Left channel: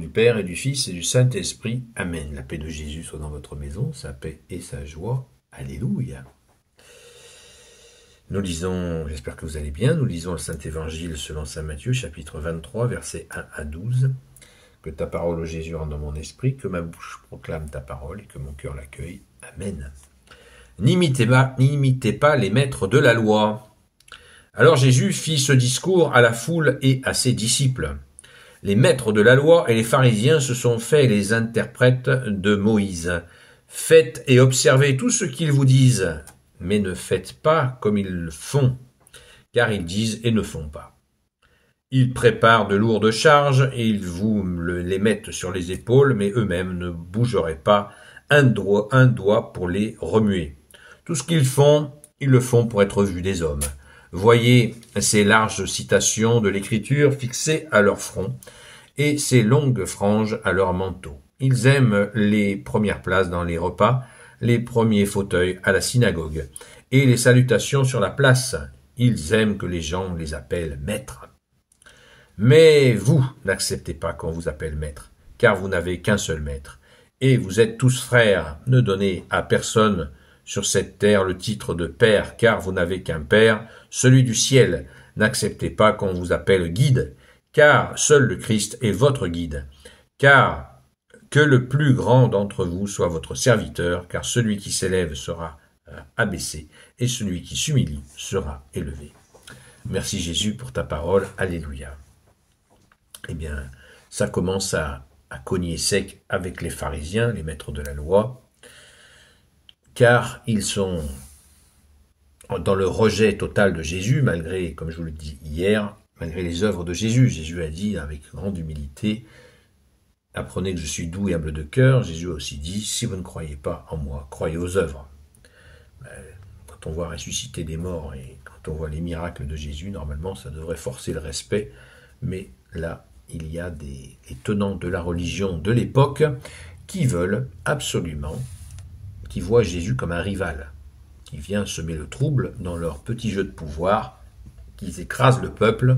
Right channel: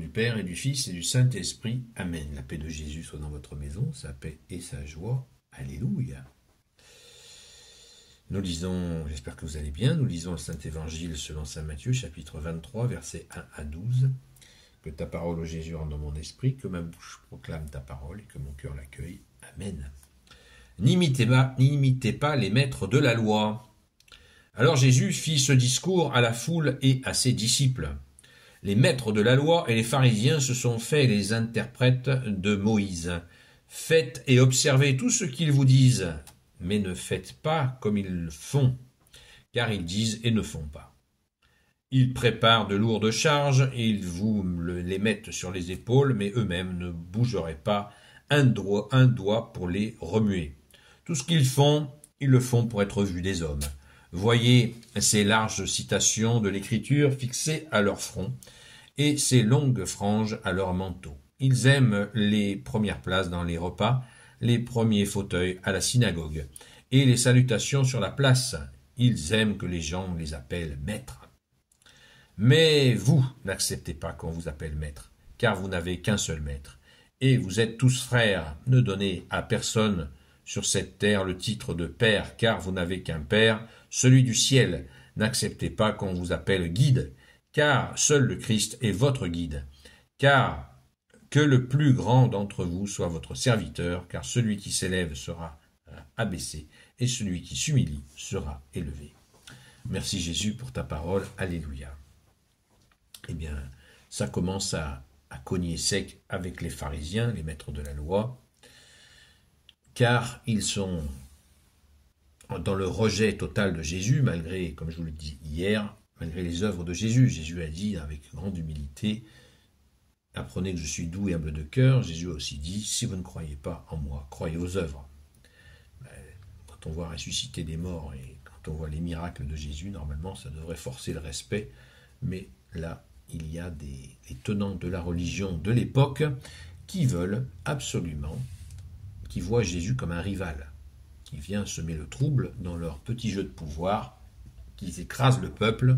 Du Père et du Fils et du Saint-Esprit. Amen. La paix de Jésus soit dans votre maison, sa paix et sa joie. Alléluia. Nous lisons, j'espère que vous allez bien, nous lisons le Saint-Évangile selon saint Matthieu, chapitre 23, versets 1 à 12. Que ta parole, ô Jésus, rentre dans mon esprit, que ma bouche proclame ta parole et que mon cœur l'accueille. Amen. N'imitez pas les maîtres de la loi. Alors Jésus fit ce discours à la foule et à ses disciples. Les maîtres de la loi et les pharisiens se sont faits les interprètes de Moïse. Faites et observez tout ce qu'ils vous disent, mais ne faites pas comme ils le font, car ils disent et ne font pas. Ils préparent de lourdes charges et ils vous les mettent sur les épaules, mais eux-mêmes ne bougeraient pas un doigt pour les remuer. Tout ce qu'ils font, ils le font pour être vus des hommes. Voyez ces larges citations de l'Écriture fixées à leur front et ces longues franges à leur manteau. Ils aiment les premières places dans les repas, les premiers fauteuils à la synagogue et les salutations sur la place. Ils aiment que les gens les appellent maîtres. Mais vous n'acceptez pas qu'on vous appelle maître, car vous n'avez qu'un seul maître. Et vous êtes tous frères. Ne donnez à personne sur cette terre le titre de père, car vous n'avez qu'un père, celui du ciel. N'acceptez pas qu'on vous appelle guide, car seul le Christ est votre guide. Car que le plus grand d'entre vous soit votre serviteur, car celui qui s'élève sera abaissé, et celui qui s'humilie sera élevé. Merci Jésus pour ta parole. Alléluia. Eh bien, ça commence à cogner sec avec les pharisiens, les maîtres de la loi, car ils sont dans le rejet total de Jésus, malgré, comme je vous le dis hier, malgré les œuvres de Jésus. Jésus a dit avec grande humilité, « Apprenez que je suis doux et humble de cœur ». Jésus a aussi dit, « Si vous ne croyez pas en moi, croyez aux œuvres ». Quand on voit ressusciter des morts et quand on voit les miracles de Jésus, normalement, ça devrait forcer le respect, mais là, il y a des tenants de la religion de l'époque qui veulent absolument, qui voient Jésus comme un rival, qui vient semer le trouble dans leur petit jeu de pouvoir, qu'ils écrasent le peuple,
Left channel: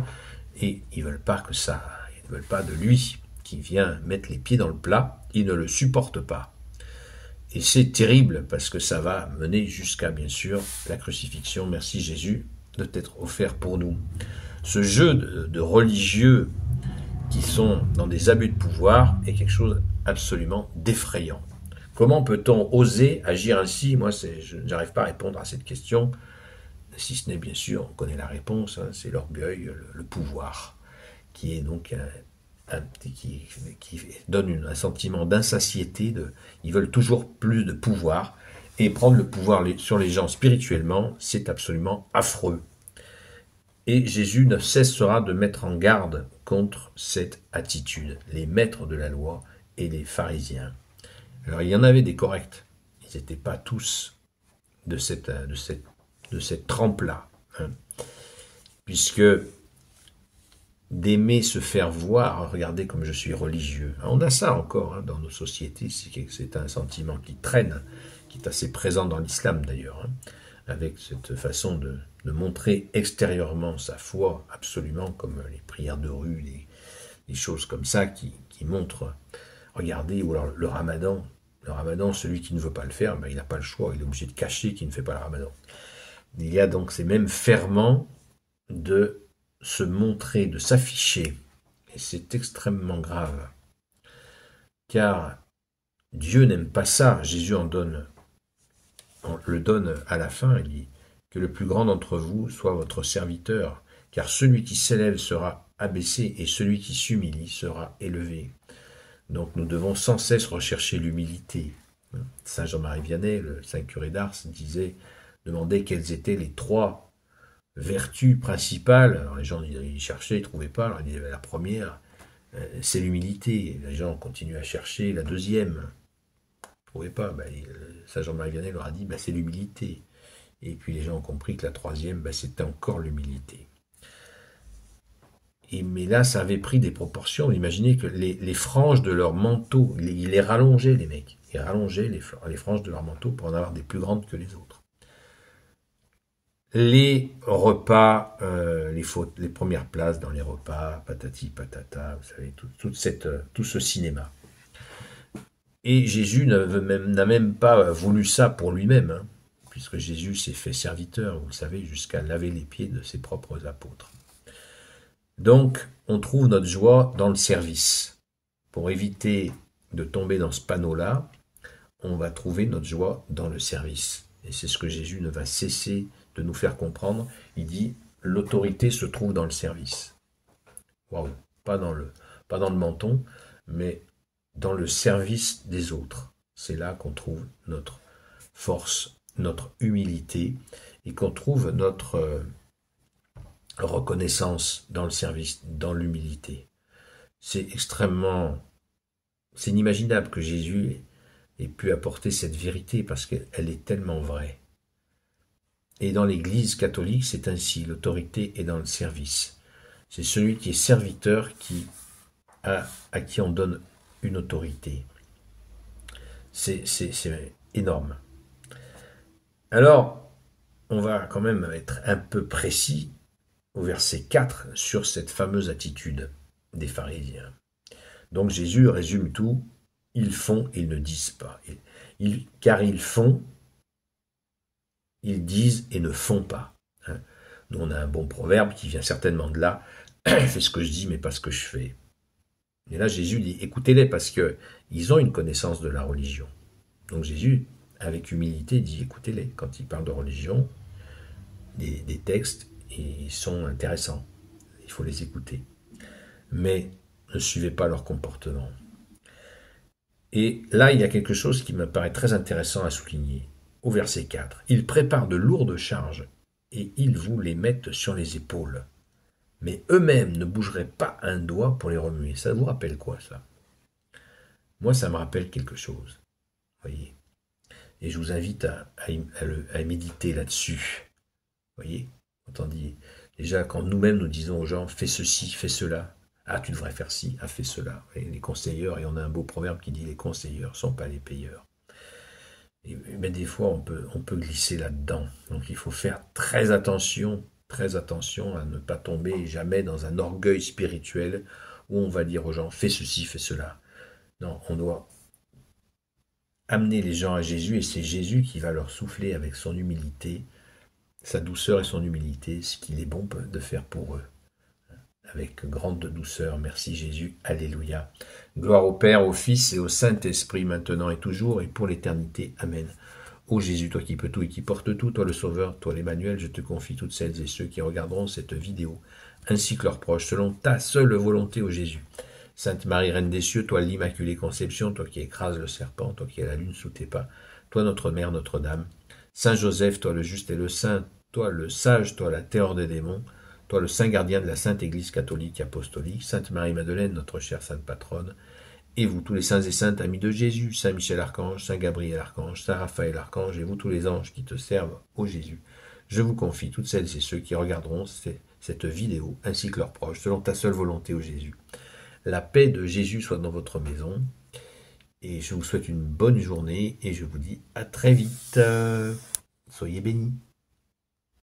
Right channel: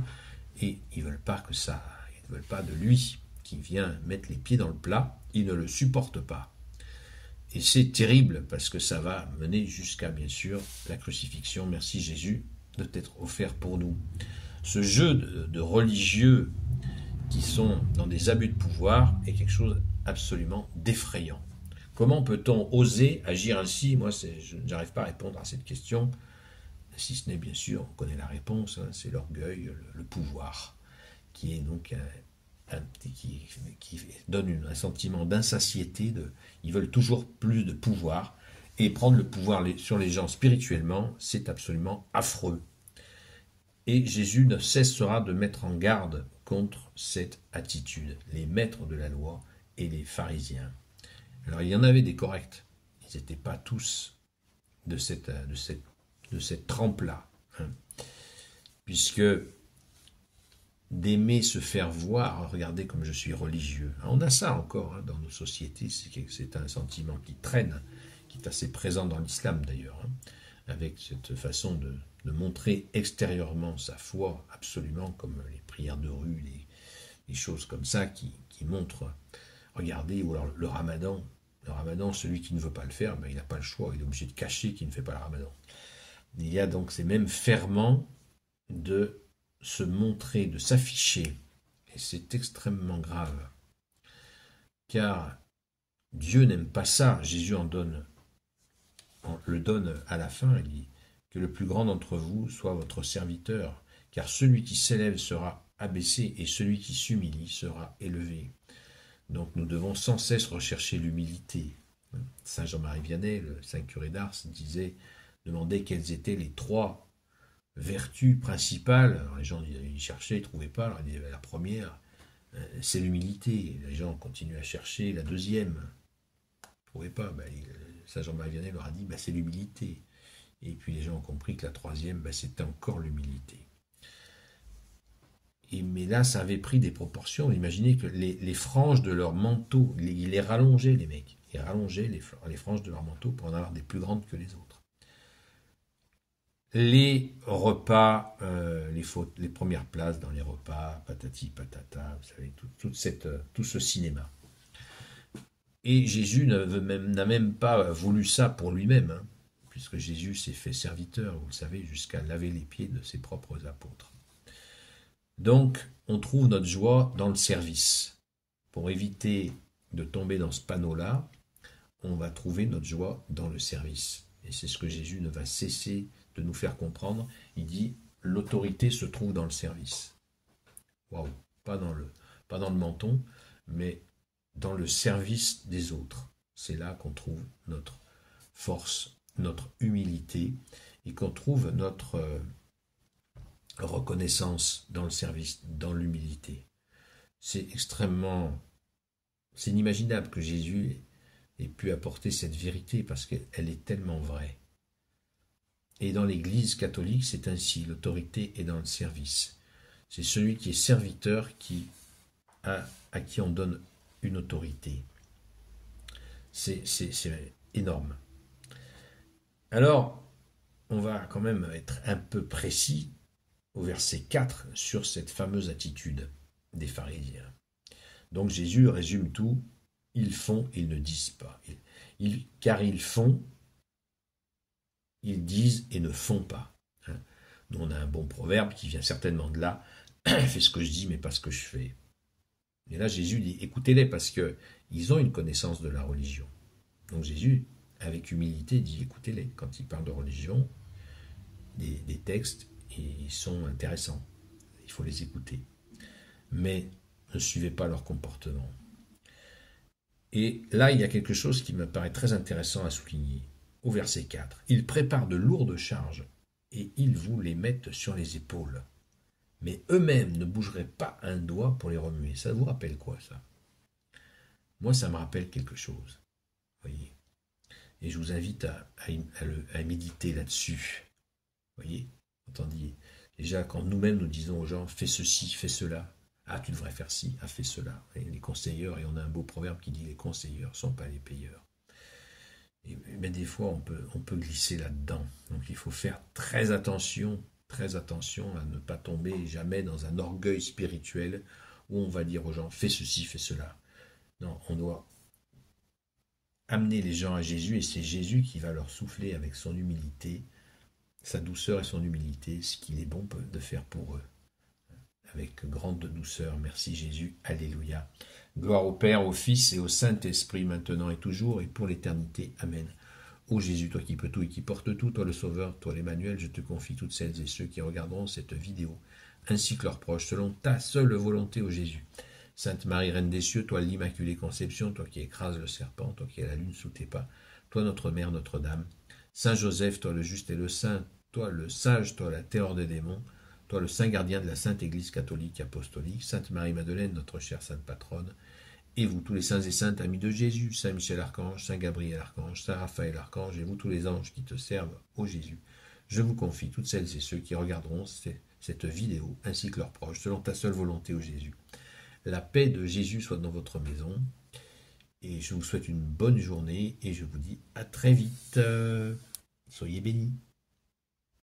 et ils ne veulent pas que ça, ils ne veulent pas de lui, qui vient mettre les pieds dans le plat, ils ne le supportent pas. Et c'est terrible, parce que ça va mener jusqu'à, bien sûr, la crucifixion. Merci Jésus de t'être offert pour nous. Ce jeu de religieux qui sont dans des abus de pouvoir est quelque chose absolument d'effrayant. Comment peut-on oser agir ainsi? Moi, je n'arrive pas à répondre à cette question, si ce n'est bien sûr, on connaît la réponse, hein, c'est l'orgueil, le pouvoir, qui est donc qui donne un sentiment d'insatiété, ils veulent toujours plus de pouvoir, et prendre le pouvoir sur les gens spirituellement, c'est absolument affreux. Et Jésus ne cessera de mettre en garde contre cette attitude, les maîtres de la loi et les pharisiens. Alors il y en avait des corrects, ils n'étaient pas tous de cette trempe-là, hein, puisque d'aimer se faire voir, regardez comme je suis religieux. On a ça encore hein, dans nos sociétés, c'est un sentiment qui traîne, qui est assez présent dans l'islam d'ailleurs, hein, avec cette façon de montrer extérieurement sa foi, absolument comme les prières de rue, des choses comme ça qui montrent, regardez, ou alors le ramadan, celui qui ne veut pas le faire, ben, il n'a pas le choix, il est obligé de cacher qu'il ne fait pas le ramadan. Il y a donc ces mêmes ferments de se montrer, de s'afficher, et c'est extrêmement grave, car Dieu n'aime pas ça. Jésus on le donne à la fin, il dit que le plus grand d'entre vous soit votre serviteur, car celui qui s'élève sera abaissé et celui qui s'humilie sera élevé. Donc nous devons sans cesse rechercher l'humilité. Saint Jean-Marie Vianney, le saint curé d'Ars, demandait quelles étaient les 3 vertus principales. Alors les gens ils cherchaient, ils ne trouvaient pas. Alors il disait, la première, c'est l'humilité. Les gens continuent à chercher. La deuxième, ils ne trouvaient pas. Saint Jean-Marie Vianney leur a dit, c'est l'humilité. Et puis les gens ont compris que la troisième, c'était encore l'humilité. Mais là, ça avait pris des proportions. Imaginez que les franges de leur manteau, ils les rallongeaient, les mecs. Ils rallongeaient les franges de leur manteau pour en avoir des plus grandes que les autres. les repas, les premières places dans les repas, patati patata, vous savez, tout ce cinéma. Et Jésus n'a même pas voulu ça pour lui-même, hein, puisque Jésus s'est fait serviteur, vous le savez, jusqu'à laver les pieds de ses propres apôtres. Donc, on trouve notre joie dans le service. Pour éviter de tomber dans ce panneau-là, on va trouver notre joie dans le service. Et c'est ce que Jésus ne va cesser de nous faire comprendre. Il dit, l'autorité se trouve dans le service. Waouh, pas dans le menton, mais dans le service des autres. C'est là qu'on trouve notre force, notre humilité, et qu'on trouve notre reconnaissance dans le service, dans l'humilité. C'est inimaginable que Jésus ait pu apporter cette vérité, parce qu'elle est tellement vraie. Et dans l'Église catholique, c'est ainsi, l'autorité est dans le service. C'est celui qui est serviteur à qui on donne une autorité. C'est énorme. Alors, on va quand même être un peu précis au verset 4 sur cette fameuse attitude des pharisiens. Donc Jésus résume tout, ils font, ils ne disent pas. Car ils font, ils disent et ne font pas. Nous, on a un bon proverbe qui vient certainement de là, fais ce que je dis mais pas ce que je fais. Et là Jésus dit, écoutez-les parce qu'ils ont une connaissance de la religion. Donc Jésus, avec humilité, dit, écoutez-les. Quand il parle de religion, des textes, ils sont intéressants. Il faut les écouter. Mais ne suivez pas leur comportement. Et là, il y a quelque chose qui me paraît très intéressant à souligner. Au verset 4, « Ils préparent de lourdes charges et ils vous les mettent sur les épaules. Mais eux-mêmes ne bougeraient pas un doigt pour les remuer. » Ça vous rappelle quoi, ça? Moi, ça me rappelle quelque chose. Voyez. Et je vous invite à méditer là-dessus. Voyez. Quand on dit, déjà, quand nous-mêmes nous disons aux gens, fais ceci, fais cela. Ah, tu devrais faire ci, ah, fais cela. Et les conseilleurs, et on a un beau proverbe qui dit, les conseilleurs ne sont pas les payeurs. Et des fois, on peut glisser là-dedans. Donc, il faut faire très attention à ne pas tomber jamais dans un orgueil spirituel où on va dire aux gens, fais ceci, fais cela. Non, on doit amener les gens à Jésus, et c'est Jésus qui va leur souffler avec son humilité, sa douceur et son humilité, ce qu'il est bon de faire pour eux. Avec grande douceur, merci Jésus, alléluia. Gloire au Père, au Fils et au Saint-Esprit, maintenant et toujours, et pour l'éternité. Amen. Ô Jésus, toi qui peux tout et qui portes tout, toi le Sauveur, toi l'Emmanuel, je te confie toutes celles et ceux qui regarderont cette vidéo, ainsi que leurs proches, selon ta seule volonté, ô Jésus. Sainte Marie, Reine des cieux, toi l'Immaculée Conception, toi qui écrases le serpent, toi qui as la lune sous tes pas, toi notre Mère, Notre-Dame. Saint Joseph, toi le juste et le saint, toi le sage, toi la terreur des démons, toi le saint gardien de la Sainte Église catholique apostolique, Sainte Marie-Madeleine, notre chère Sainte Patronne, et vous tous les saints et saintes amis de Jésus, Saint Michel Archange, Saint Gabriel Archange, Saint Raphaël Archange, et vous tous les anges qui te servent, ô Jésus, je vous confie toutes celles et ceux qui regarderont cette vidéo, ainsi que leurs proches, selon ta seule volonté, ô Jésus. La paix de Jésus soit dans votre maison, et je vous souhaite une bonne journée, et je vous dis à très vite. Soyez bénis.